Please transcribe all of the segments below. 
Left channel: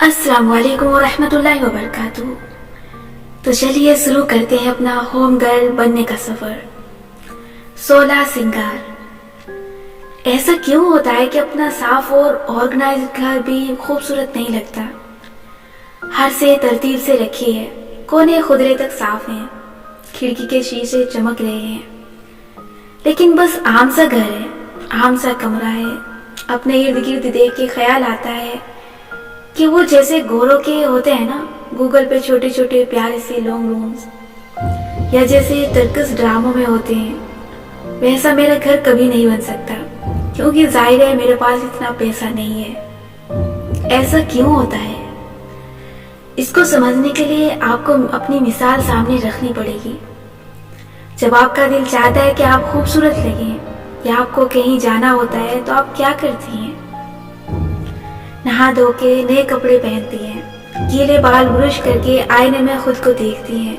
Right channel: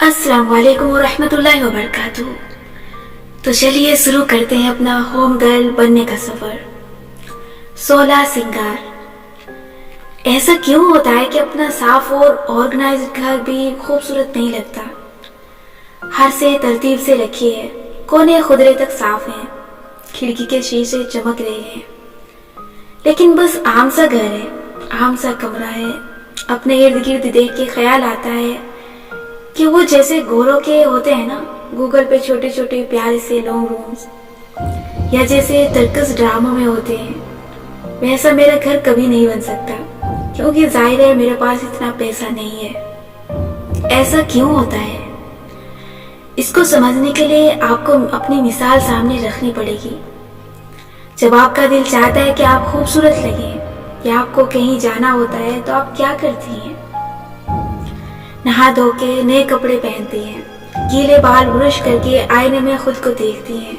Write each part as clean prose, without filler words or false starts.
अस्सलाम वालेकुम वरहमतुल्लाहि वबरकातुहू। तो चलिए शुरू करते हैं अपना होम गर्ल बनने का सफर। 16 सिंगार। ऐसा क्यों होता है कि अपना साफ और ऑर्गेनाइज्ड घर भी खूबसूरत नहीं लगता? हर से तरतीब से रखी है, कोने खुदरे तक साफ हैं, खिड़की के शीशे चमक रहे हैं, लेकिन बस आम सा घर है, आम सा कमरा है। अपने इर्द गिर्द देख के ख्याल आता है कि वो जैसे गोरों के होते हैं ना गूगल पे छोटे छोटे प्यारे से लॉन्ग रूम्स, या जैसे तर्कस ड्रामों में होते हैं, वैसा मेरा घर कभी नहीं बन सकता, क्योंकि जाहिर है मेरे पास इतना पैसा नहीं है। ऐसा क्यों होता है? इसको समझने के लिए आपको अपनी मिसाल सामने रखनी पड़ेगी। जब आपका दिल चाहता है कि आप खूबसूरत लगें या आपको कहीं जाना होता है तो आप क्या करती हैं? नहा धो के नए कपड़े पहनती हैं, गीले बाल ब्रश करके आईने में खुद को देखती हैं।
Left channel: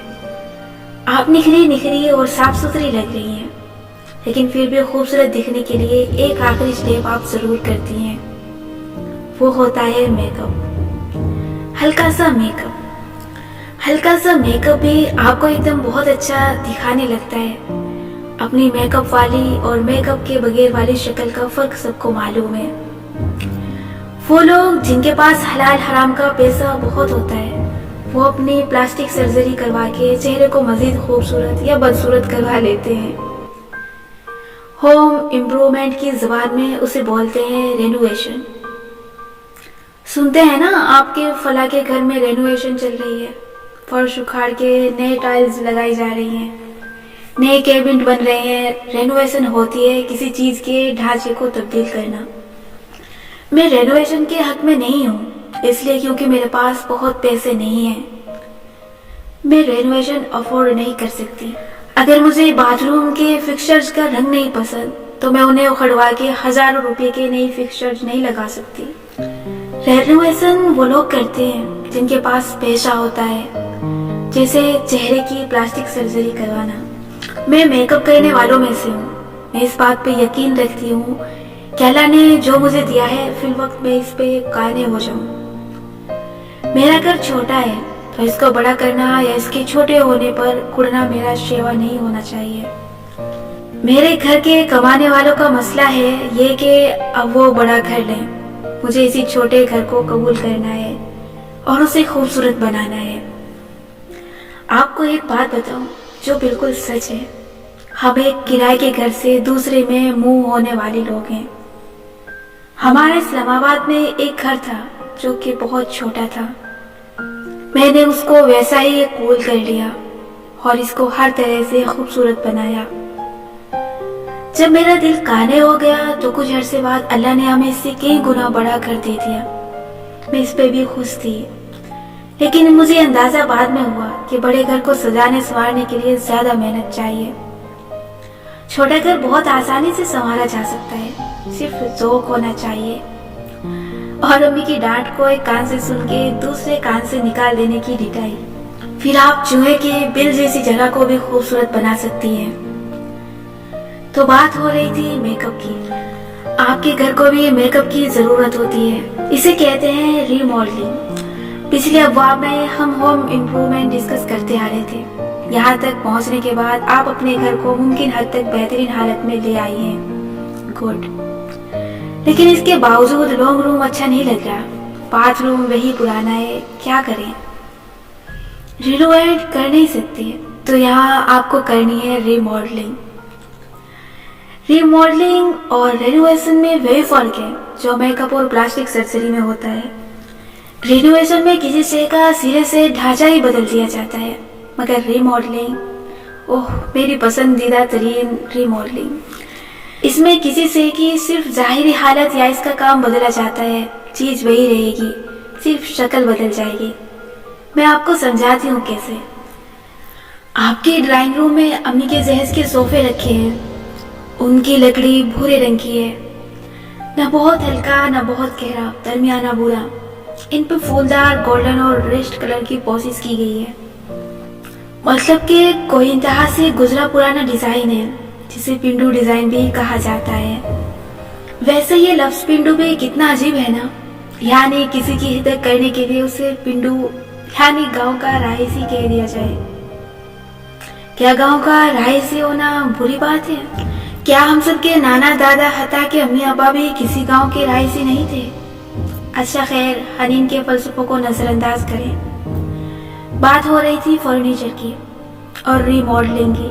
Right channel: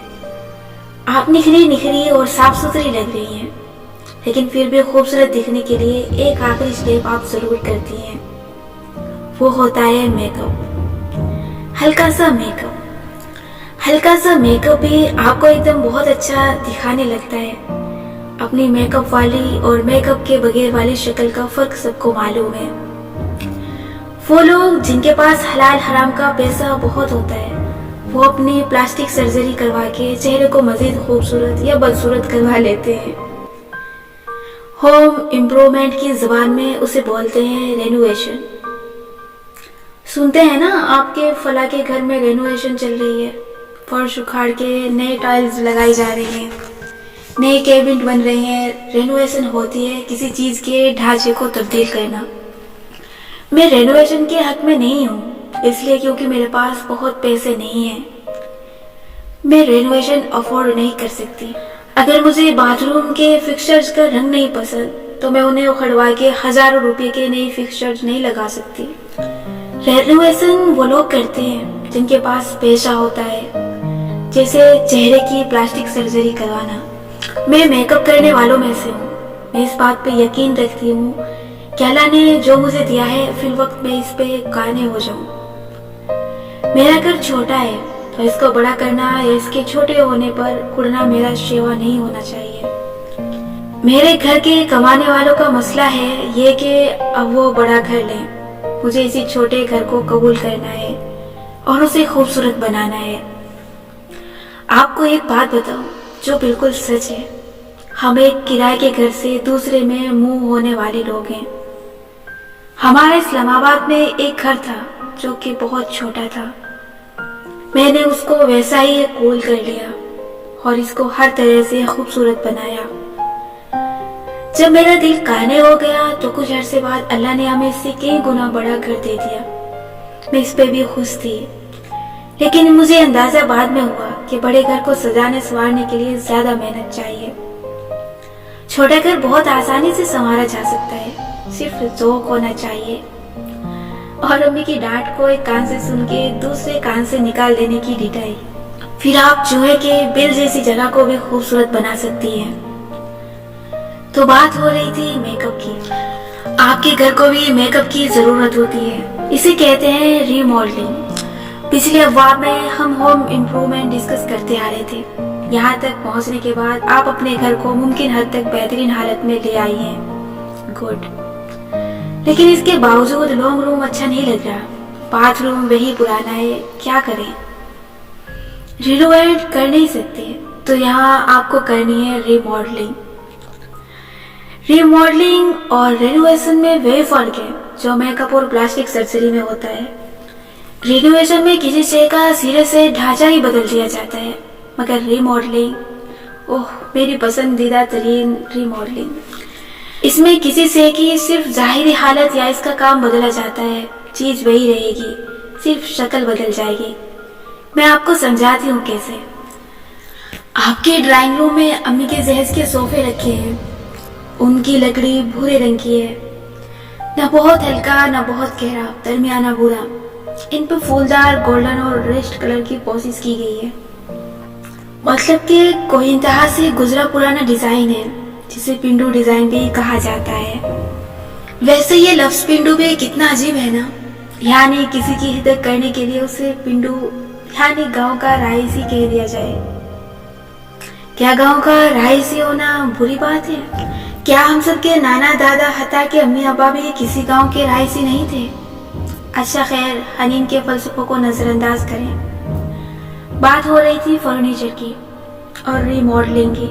आप निखरी निखरी और साफ सुथरी लग रही हैं, लेकिन फिर भी खूबसूरत दिखने के लिए एक आखिरी स्टेप आप जरूर करती हैं। वो होता है मेकअप। हल्का सा मेकअप। हल्का सा मेकअप भी आपको एकदम बहुत अच्छा दिखाने लगता है। अपनी मेकअप वाली और मेकअप के बगैर वाली शक्ल का फर्क सबको मालूम है। वो लोग जिनके पास हलाल हराम का पैसा बहुत होता है, वो अपनी प्लास्टिक सर्जरी करवा के चेहरे को मजीद खूबसूरत या बदसूरत करवा लेते हैं। होम इम्प्रूवमेंट की जुबान में उसे बोलते हैं रेनोवेशन। सुनते हैं ना, आपके फला के घर में रेनोवेशन चल रही है, फर्श उखाड़ के नए टाइल्स लगाई जा रही हैं, नए कैबिनेट बन रहे हैं। रेनोवेशन होती है किसी चीज के ढांचे को तब्दील करना। मैं रेनोवेशन के हक में नहीं हूँ, इसलिए क्योंकि मेरे पास बहुत पैसे नहीं हैं। मैं रेनोवेशन अफोर्ड नहीं कर सकती। अगर मुझे बाथरूम के फिक्सचर्स का रंग नहीं पसंद तो मैं उन्हें उखड़वा के हजारों रुपए के नए फिक्सचर्स नहीं लगा सकती। रेनोवेशन वो लोग करते हैं जिनके पास पैसा होता है, जैसे चेहरे की प्लास्टिक सर्जरी करवाना। मैं मेकअप करने वालों में से हूँ। मैं इस बात पे यकीन रखती हूँ कि अल्लाह ने जो मुझे दिया है फिल वक्त मैं इस पे कायम हो जाऊं। मेरा घर छोटा है तो इसको बड़ा करना या इसके छोटे होने पर कुड़ना मेरा शेवा नहीं होना चाहिए। मेरे घर के कमाने वालों का मसला है ये कि अब वो बड़ा घर लें। मुझे इसी छोटे घर को कबूल करना है और उसे खूबसूरत बनाना है। आपको एक बात बताऊं जो बिल्कुल सच है। हम एक किराए के घर से दूसरे में मूव होने वाले लोग हैं। हमारा इस्लामाबाद में एक घर था जो कि बहुत छोटा था। मैंने उसको वैसा ही कूल कर लिया और इसको हर तरह से खूबसूरत बनाया। जब मेरा दिल काने हो गया तो कुछ अरसे बाद अल्लाह ने हमें इससे कई गुना बड़ा घर दे दिया। मैं इस पे भी खुश थी, लेकिन मुझे अंदाजा बाद में हुआ कि बड़े घर को सजाने संवारने के लिए ज्यादा मेहनत चाहिए। छोटा घर बहुत आसानी से संवारा जा सकता है, सिर्फ ज़ौक होना चाहिए और अम्मी की डांट को एक कान से सुन के दूसरे कान से निकाल देने की ढिठाई। फिर आप चूहे के बिल जैसी जगह को भी खूबसूरत बना सकती हैं। तो बात हो रही थी मेकअप की। आपके घर को भी मेकअप की जरूरत होती है। इसे कहते हैं रीमॉडलिंग। पिछले अब्वाब में हम होम इम्प्रूवमेंट डिस्कस करते आ रहे थे। यहाँ तक पहुँचने के बाद आप अपने घर को मुमकिन हद तक बेहतरीन हालत में ले आई हैं। गुड। लेकिन इसके बावजूद लॉन्ग रूम अच्छा नहीं लग रहा, बाथरूम वही पुराना है, क्या करें? रिनोवेट कर नहीं सकते तो यहाँ आपको करनी है रीमॉडलिंग। रीमॉडलिंग और रेनोवेशन में वही फर्क है जो मेकअप और प्लास्टिक सर्जरी में होता है। रिनोवेशन में किसी चीज का सिरे से ढांचा ही बदल दिया जाता है, मगर रीमॉडलिंग, ओह मेरी पसंदीदा तरीन रीमॉडलिंग, इसमें किसी से की सिर्फ जाहिरी हालत या इसका काम बदला जाता है। चीज वही रहेगी, सिर्फ शक्ल बदल जाएगी। मैं आपको समझाती हूँ कैसे। आपके ड्राइंग रूम में अम्मी के जहेज के सोफे रखे हैं। उनकी लकड़ी भूरे रंग की है, न बहुत हल्का न बहुत गहरा, दरमियाना भूरा। इन पे फूलदार गोल्डन और रेस्ट कलर की पॉलिश की गई है। मतलब कि कोई इंतहा से गुजरा पुराना डिजाइन है, जिसे पिंडू डिजाइन भी कहा जाता है। वैसे ये लफ्ज पिंडू भी कितना अजीब है ना। यानी किसी की हिदक करने के लिए उसे पिंडू यानी गांव का रईसी कह दिया जाए। क्या गांव का रईसी होना बुरी बात है? क्या हम सब के नाना दादा हता के अम्मी अब्बा भी किसी गांव के रईसी नहीं थे? अच्छा खैर, हनीन के फलसफों को नजरअंदाज करें। बात हो रही थी फर्नीचर की और रीमॉडलिंग की।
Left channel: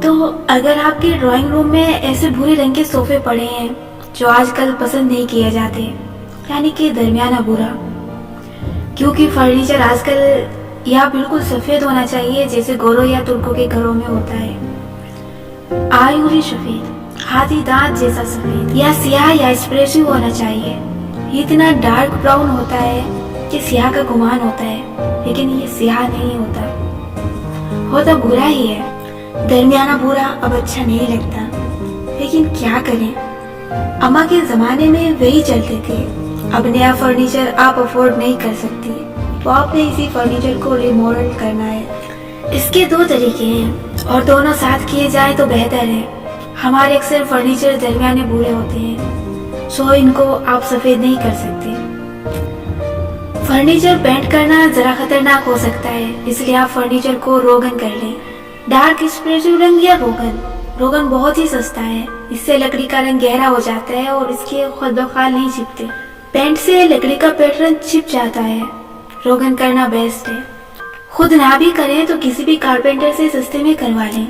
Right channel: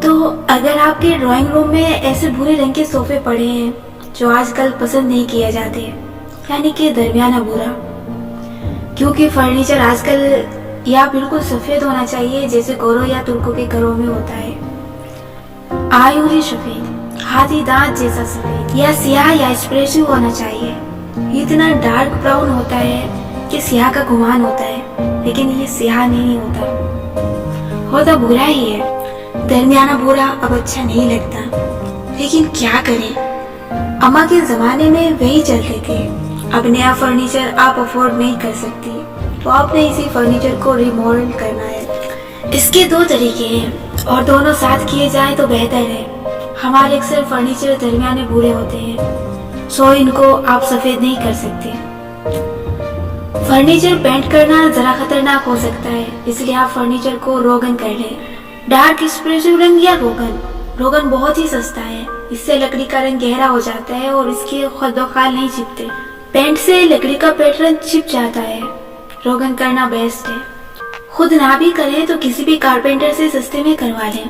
तो अगर आपके ड्राइंग रूम में ऐसे भूरे रंग के सोफे पड़े हैं जो आजकल पसंद नहीं किए जाते, यानी कि दरमियाना भूरा, क्योंकि फर्नीचर आजकल या बिल्कुल सफेद होना चाहिए जैसे गोरों या तुर्कों के घरों में होता है, आयूरी सफेद, हाथी दांत जैसा सफेद, या सियाह या एस्प्रेसिव होना चाहिए। इतना डार्क ब्राउन होता है कि सियाह का गुमान होता है, लेकिन ये सियाह नहीं होता भूरा ही है। दरमियाना भूरा अब अच्छा नहीं लगता, लेकिन क्या करें, अम्मा के जमाने में वही चलते थे। अब नया फर्नीचर आप अफोर्ड नहीं कर सकती, तो आपने इसी फर्नीचर को रिमॉडल करना है। इसके दो तरीके हैं और दोनों साथ किए जाए तो बेहतर है। हमारे अक्सर फर्नीचर दरमियाने भूरे होते हैं, सो इनको आप सफेद नहीं कर सकते। फर्नीचर पेंट करना जरा खतरनाक हो सकता है, इसलिए आप फर्नीचर को रोगन कर लें। डार्क एस्प्रेसिव रंग या रोगन बहुत ही सस्ता है। इससे लकड़ी का रंग गहरा हो जाता है और इसके खदोखाल नहीं छिपते। पेंट से लकड़ी का पैटर्न छिप जाता है। रोगन करना बेस्ट है। खुद ना भी करें तो किसी भी कारपेंटर से सस्ते में करवा लें,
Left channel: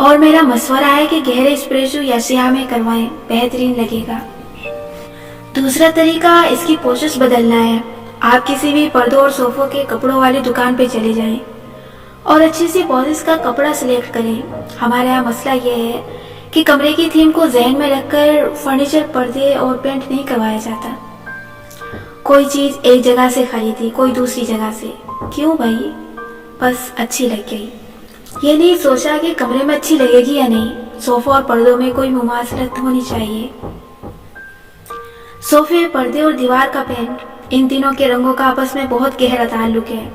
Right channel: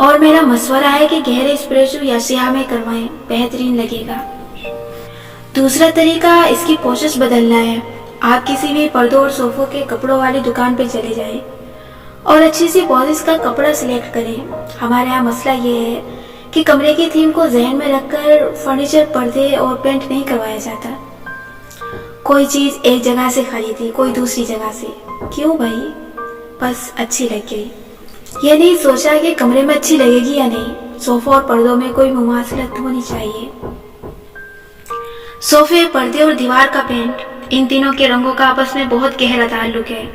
और मेरा मशवरा है कि गहरे एस्प्रेसिव या स्याह में करवाएं, बेहतरीन लगेगा। दूसरा तरीका इसकी पोशिश बदलना है। आप किसी भी पर्दों और सोफों के कपड़ों वाली दुकान पे चले जाएं और अच्छी सी पॉलिश का कपड़ा सिलेक्ट करें। हमारे यहाँ मसला ये है कि कमरे की थीम को जहन में रखकर फर्नीचर, पर्दे और पेंट नहीं करवाया जाता। कोई चीज एक जगह से खरीदी, कोई दूसरी जगह से। क्यों भाई? बस अच्छी लग गई। ये नहीं सोचा कि कमरे में अच्छी लगेगी या नहीं। सोफा और पर्दों में कोई मुमासलत होनी चाहिए। सोफे, पर्दे और दीवार का पेंट, इन तीनों के रंगों का आपस में बहुत गहरा ताल्लुक है,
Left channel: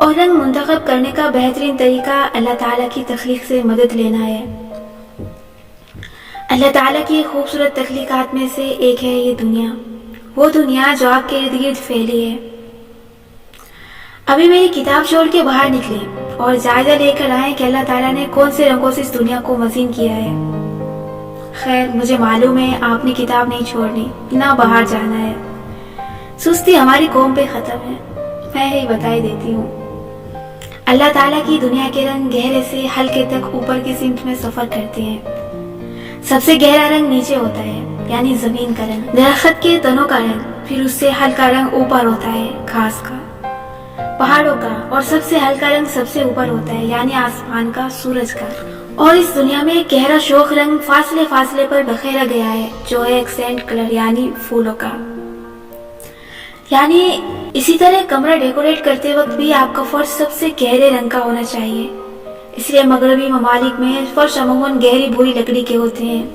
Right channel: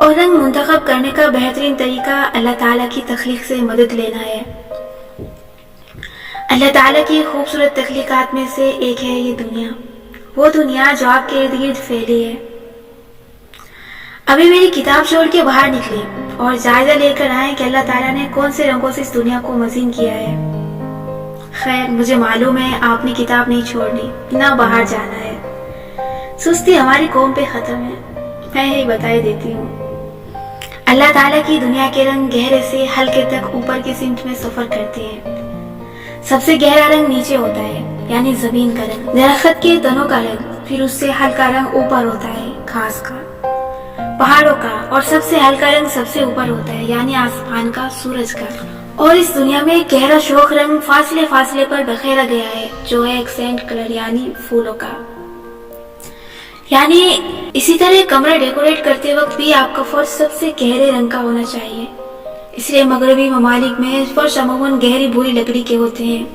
और रंग मुंतखब करने का बेहतरीन तरीका अल्लाह ताला की तख्लीक से मदद लेना है। अल्लाह ताला की खूबसूरत तख्लीकात में से एक है ये दुनिया, वो दुनिया जो आपके इर्द गिर्द फैली है। अभी मेरी किताब छोड़ के बाहर निकले और जायजा लेकर आए कि अल्लाह ताला ने कौन से रंगों से इस दुनिया को मज़ीन किया है। खैर, मुझे मालूम है आपने किताब नहीं छोड़नी, ना बाहर जाना है। सुस्ती हमारी कौम पे खत्म है, मैं ही बताई देती हूँ। अल्लाह ताला की दुनिया के रंग गहरे से हल्के तक ऊपर की सिमत में सफर करते हैं। सबसे गहरा रंग नीचे होता है, यानी जमीन का रंग, दरख्त के तनों का रंग, फिर उससे हल्का रंग ऊपर होता है, घास का, पहाड़ों का, और सबसे हल्का रंग सबसे ऊपर होता है, यानी आसमान का, सूरज का। और इस दुनिया में गहरा शोख रंग फासले फासले पर बखेरा गया है, जो है एक्सेंट कलर, यानी फूलों का। यानी इसी तरह कमरा डेकोरेट करते वक्त भी आपका फर्श सबसे गहरे रंग का होना चाहिए। इसलिए मगरबी ममालिक में फर्श अमूमन गहरी भूरी लकड़ी के होते हैं।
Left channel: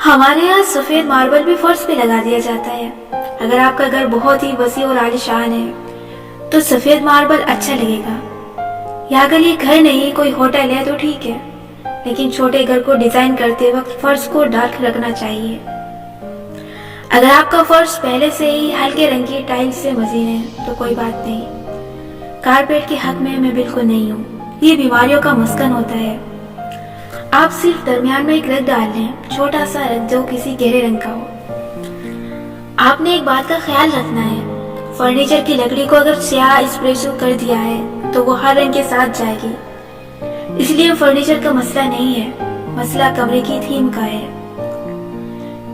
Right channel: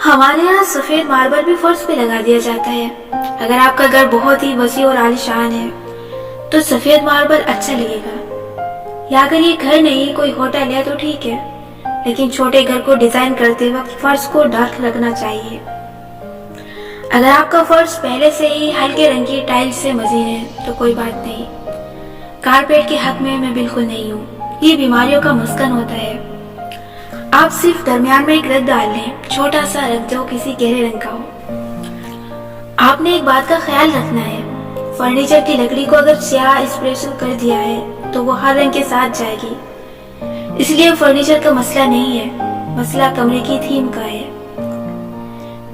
हमारे यहाँ सफेद मार्बल भी फर्श पे लगा दिया जाता है। अगर आपका घर बहुत ही वसी और आलीशान है तो सफेद मार्बल अच्छा लगेगा, या अगर ये घर नहीं कोई होटल है तो ठीक है, लेकिन छोटे घर को डिजाइन करते वक्त फर्श को डार्क रखना चाहिए। अगर आपका फर्श पहले से ही हल्के रंग की टाइल्स से मजीन है तो कोई बात नहीं। कारपेट के हक में मैं बिल्कुल नहीं हूँ, ये बीमारियों का मस्कन होता है। आप सिर्फ दरमियान में एक रग डाल लें, छोटा सा रग जो किसी गहरे रंग का हो। आपने एक बात का ख्याल रखना है, फर्नीचर की लकड़ी को अगर स्याह एस्प्रेसो कर दिया है तो वो हर रंग के साथ जाएगी। इसलिए फर्नीचर का मसला नहीं है, मसला कमरे की थीम का है।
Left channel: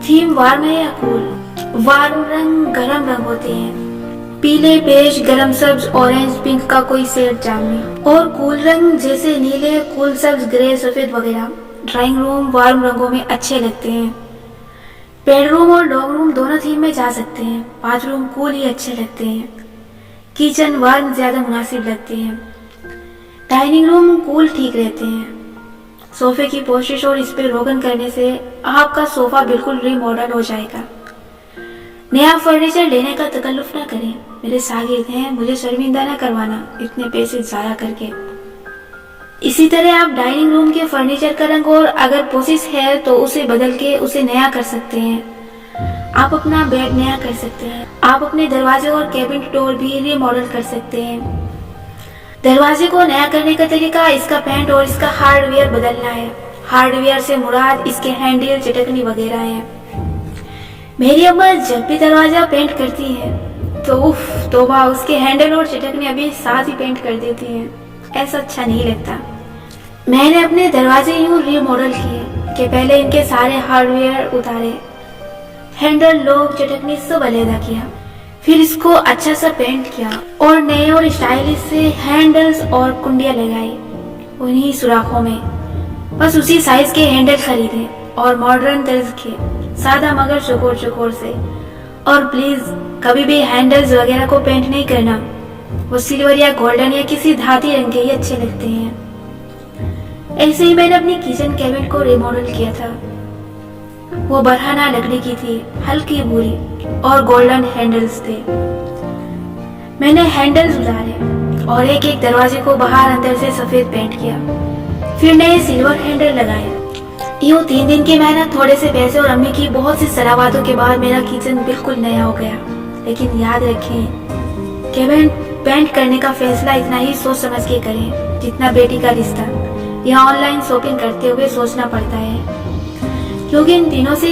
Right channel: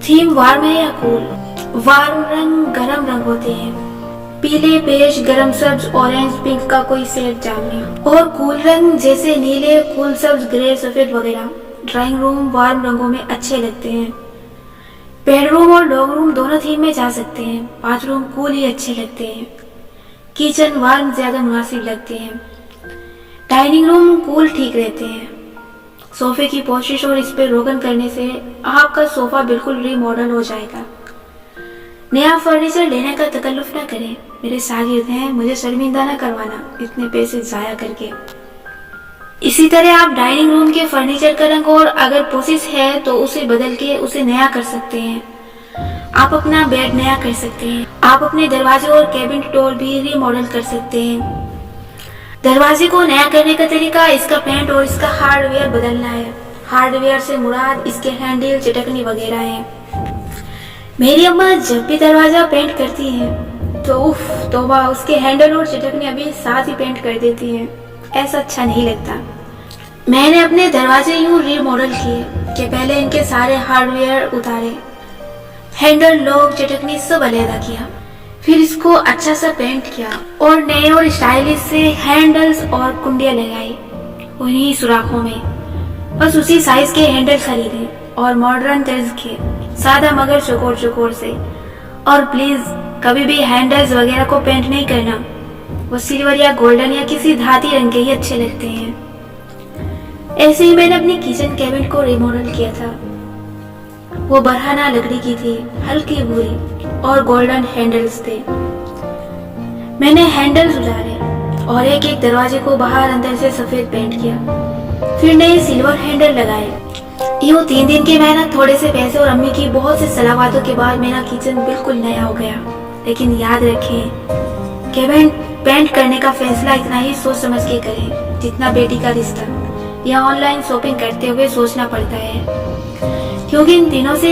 थीम वार्म है या कूल? वार्म रंग गर्म रंग होते हैं, पीले, बेज, गरम सब्ज, ऑरेंज, पिंक का कोई शेड जामनी, और कूल रंग जैसे नीले, कूल सब्ज, ग्रे, सफेद वगैरह ड्राइंग रूम वार्म रंगों में अच्छे लगते हैं। बेडरूम और डॉग रूम दोनों थीम में जा सकते हैं। बाथरूम कूल ही अच्छे लगते हैं। किचन वार्म ज्यादा मुनासिब लगते हैं। डाइनिंग रूम कूल ठीक रहते हैं। सोफे की पोशिश और इस पे रोगन करने से आपका सोफा बिल्कुल रीमॉडल हो जाएगा। नया फर्नीचर लेने का तकल्लुफ ना करें, मेरे शागिर्द हैं, मुझे शर्मिंदा ना करवाना इतने पैसे जाया करके। इसी तरह आप डाइनिंग रूम के फर्नीचर का रंग और अगर पोशिश है तो उसे बदल के उसे नया कर सकते हैं। آپ اپنا بیڈ نیا کر سکتے ہیں. آپ اپنے دروازے اور کیبن ڈور بھی ری ماڈل کر سکتے ہیں. دروازے کو نیا کرنے کا طریقہ اس کا پینٹ اور اس کا ہارڈ ویئر بدلنا ہے. ہارڈ ویئر سے مراد اس کے ہینڈل، چٹکنی وغیرہ ہیں. میری اماں جب بھی دروازہ پینٹ کرتی ہیں تو توبہ، اس کے ہینڈل اور چٹکنی ابھی ساتھ ہی پینٹ کر دیتی ہیں. ایسا اچھا نہیں لگتا. میں نے اپنے دروازے یوں ری ماڈل کیے کہ پہلے ان کے سارے ہارڈ ویئر اتارے، ہینڈل، لوگ، چٹکنی سب علیحدہ کیا. پھر اس کو اچھا سا پینٹ کیا اور نئے اور اسٹائلش سے ہینڈلز اور کنڈیاں لگائی انہی سوراخوں میں. بس اسی سائز کے ہینڈل خریدے اور ماڈرن طرز کے، سادہ مگر چکور چکور سے. اور پلیز کبھی بھی ہینڈلز وغیرہ کو پینٹ نہیں کرنا، وہ سلور یا گولڈن یا کسی دھاتی رنگ کے ہی اچھے لگتے ہیں. ایسے ہی میں نے اپنی کچن کیبن کو ری ماڈل کیا تھا. وہ برہنہ لکڑی کی تھی، ہلکی بھوری، اور گولڈن ہینڈلز تھے. میں نے ہینڈلز اتارے اور ایک ایک دروازے کو باہر اندر سے سفید پینٹ کیا. پھر نئے سلور ہینڈل لگائے. یوں 3 دن کی محنت، تھوڑے سے پیسے اور امی کی بہت سی صلاحاتوں کے بعد میرا کچن بالکل نیا ہو گیا. لیکن یاد رکھیں کہ پینٹ کرنے کا فیصلہ اتنا ہی سوچ سمجھ کے کریں جتنا بیٹی کا رشتہ. یہاں آن لائن شاپنگ کرتے ہوئے سوچنا پڑتا ہے، کیونکہ ان تینوں سے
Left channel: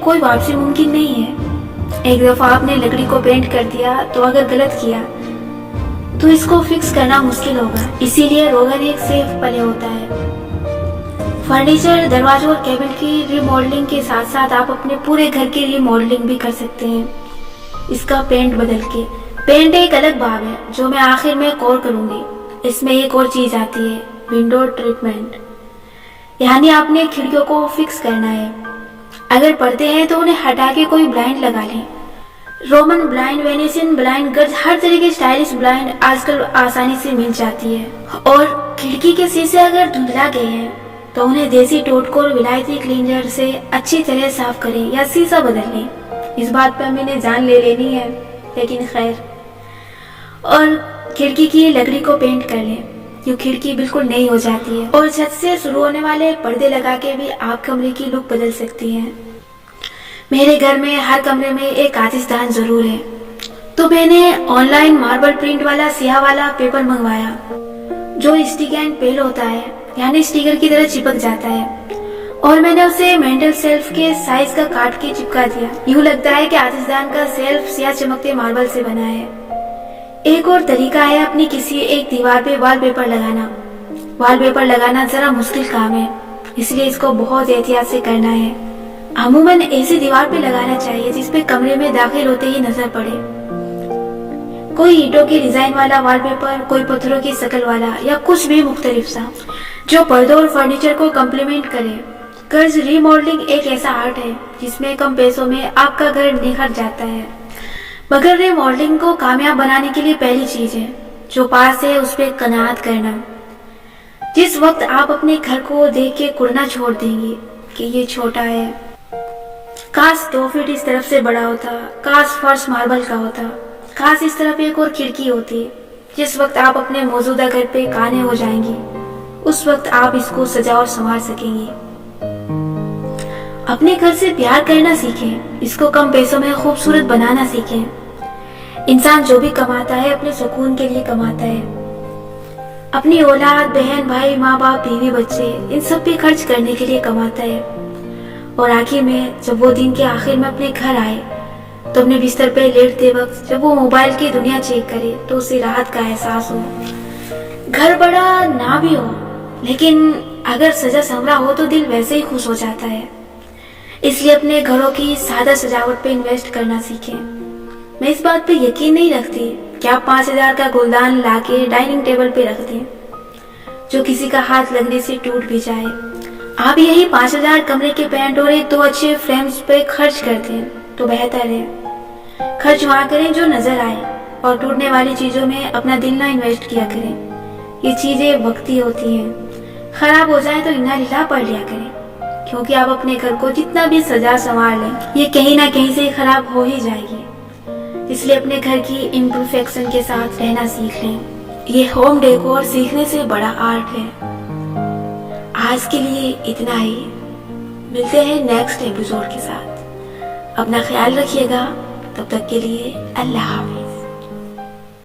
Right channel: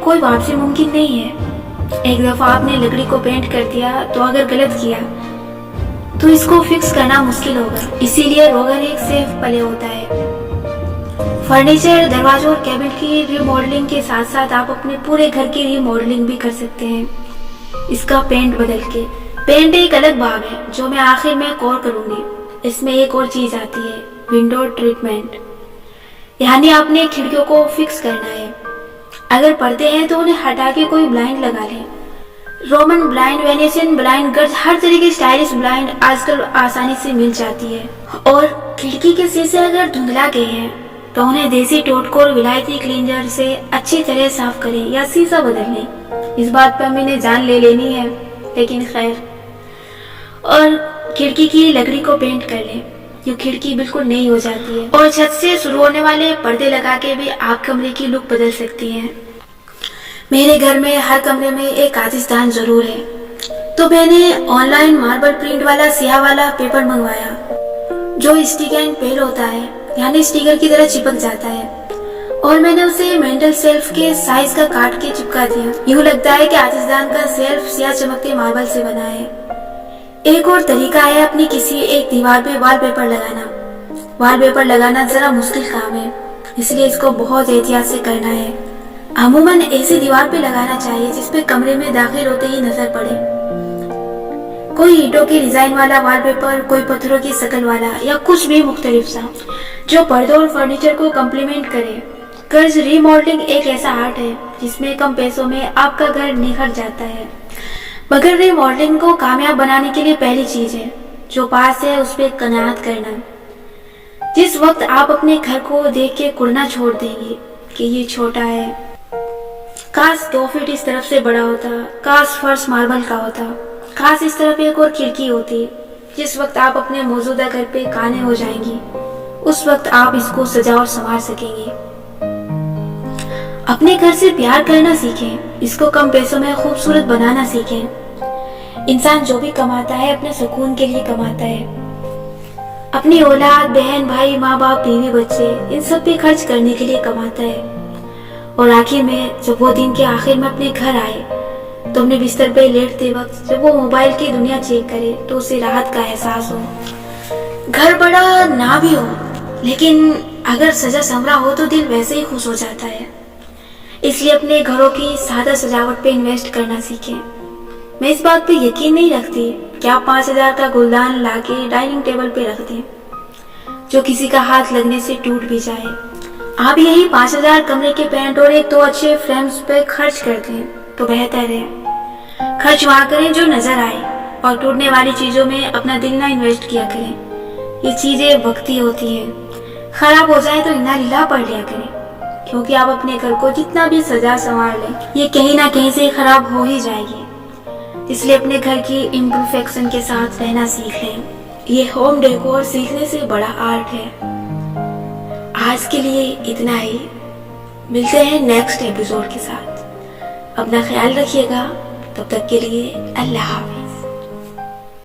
کوئی واپسی ممکن نہیں ہے. ایک دفعہ آپ نے لکڑی کو پینٹ کر دیا تو اگر غلط کیا تو اس کو فکس کرنا مشکل ہوگا. اسی لیے روغن ایک سیف پلے ہوتا ہے. فرنیچر، دروازوں اور کیبن کی ری ماڈلنگ کے ساتھ ساتھ آپ اپنے پورے گھر کی ری ماڈلنگ بھی کر سکتے ہیں اس کا پینٹ بدل کے. پینٹ ایک الگ باب ہے جو میں آخر میں کور کروں گی. اس میں ایک اور چیز آتی ہے، ونڈو ٹریٹمنٹ. یعنی آپ نے کھڑکیوں کو فکس کرنا ہے. اگر پڑتے ہیں تو انہیں ہٹا کے کوئی بلائنڈ لگا لیں. رومن بلائنڈ، وینیشین بلائنڈ، گرج، ہر طرح کی اسٹائلش بلائنڈ آج کل آسانی سے مل جاتی ہے. اور کھڑکی کے شیشے اگر دھندلا گئے ہیں تو انہیں دیسی ٹوٹکو اور ولایتی کلینزر سے اچھی طرح صاف کریں یا شیشہ بدل لیں. اس بات پہ امی نے جان لے لینی ہے، لیکن خیر. اور کھڑکی کی لکڑی کو پینٹ کر لیں، یہ کھڑکی بالکل نئی ہو جاتی ہے. اور چھت سے شروع ہونے والے پردے لگا کے بھی آپ کمرے کی لک بدل سکتی ہیں. میرے گھر میں ہر کمرے میں ایک آتش دان ضرور ہے، تو میں نے آن لائن ماربل پرنٹ والا سیاہ والا پیپر منگوایا جو اسٹک اینڈ پیل ہوتا ہے، یعنی اسٹیکر کی طرح چپک جاتا ہے. اور میں نے اسے مینٹل سیلف کے سائز کا کاٹ کے چپکا دیا. یوں لگتا ہے کہ آتش دان کا سیلف سیاہ چمکتے ماربل سے بنا ہے. ایک اور طریقہ ہے اپنی کسی ایک دیوار پہ وال پیپر لگانا. وال پیپر لگانا ذرا مشکل کام ہے، اس لیے اس کو بہت احتیاط سے کرنا ہے. عموماً ایسی دیوار پہ لگانا چاہیے جس پہ کمرے میں داخل ہوتے ہی نظر پڑے. کوئی اینٹوں کی ڈیزائن والا وال پیپر، کوئی پتھروں کی شکل والا، یا کچھ بھی مختلف سا جو پردوں اور فرنیچر کو کمپلیمنٹ کرے. گرج ری ماڈلنگ ایک ایسا آرٹ ہے جس میں کم پیسوں میں آپ کا گھر نکھر جاتا ہے. مگر ری ماڈلنگ کو کامیاب بنانے کے لیے پہلی چیز ہے جو پاس ہے اس پہ قناعت کرنا. جس وقت آپ اپنے گھر کو دیکھ کے کڑنا چھوڑ دیں گے کہ یہ چھوٹا ہے، کاش 2 فٹ اس طرف سے بڑا ہوتا، کاش فرش ماربل کا ہوتا، کاش اس طرف ایک اور کھڑکی ہوتی. جس وقت آپ اپنے موجودہ گھر پہ قانع ہو جائیں گی اس وقت آپ اس کو سجا اور سنوار سکیں گے. اپنے گھر سے پیار کرنا سیکھیں، اس کو کم پیسوں میں خوبصورت بنانا سیکھیں. انسان جو بھی کماتا ہے اپنے سکون کے لیے کماتا ہے. اپنی اولاد، بہن، بھائی، ماں باپ، بیوی، بچے، ان سب پہ خرچ کرنے کے لیے کماتا ہے. اور آخر میں جب وہ دن کے آخر میں اپنے گھر آئے تو اپنے بستر پہ لیٹتے وقت جب وہ موبائل کی دنیا چیک کرے تو اسے راحت کا احساس ہو. گھر بڑا نہ بھی ہو لیکن اگر سجا سنورا ہو تو دل ویسے ہی خوش ہو جاتا ہے. اس لیے اپنے گھروں کی سادہ سجاوٹ پہ انویسٹ کرنا سیکھیں. میں اس بات پہ یقین نہیں رکھتی کہ آپ 5000 کا گلدان لا کے ڈائننگ ٹیبل پہ رکھ دیں جو کسی کا ہاتھ لگنے سے ٹوٹ بھی جائے. آپ یہی 5000 کمرے کے پینٹ اور 1-2 اچھے فریمز پہ خرچ کر دیں تو بہتر ہے. خرچ وہاں کریں جو نظر آئے اور ٹوٹنے والی چیزوں میں اپنا دل نہ انویسٹ کیا کریں. یہ چیزیں وقتی ہوتی ہیں، خراب ہو جائیں تو انا للہ پڑھ لیا کریں، کیونکہ آپ اپنے گھر کو جتنا بھی سجا سنوار لیں یہ کہیں نہ کہیں سے خراب ہو ہی جائے گی. اس لیے اپنے گھر کی امپرفیکشن کے ساتھ رہنا سیکھ لیں. یہ ہوم ڈیکور سیکھنے سے بڑا آرٹ ہے. آج کے لیے اتنا ہی، ملتے ہیں نیکسٹ ایپیسوڈ کے ساتھ. اپنا خیال رکھیے گا. تب تک کے لیے اللہ حافظ.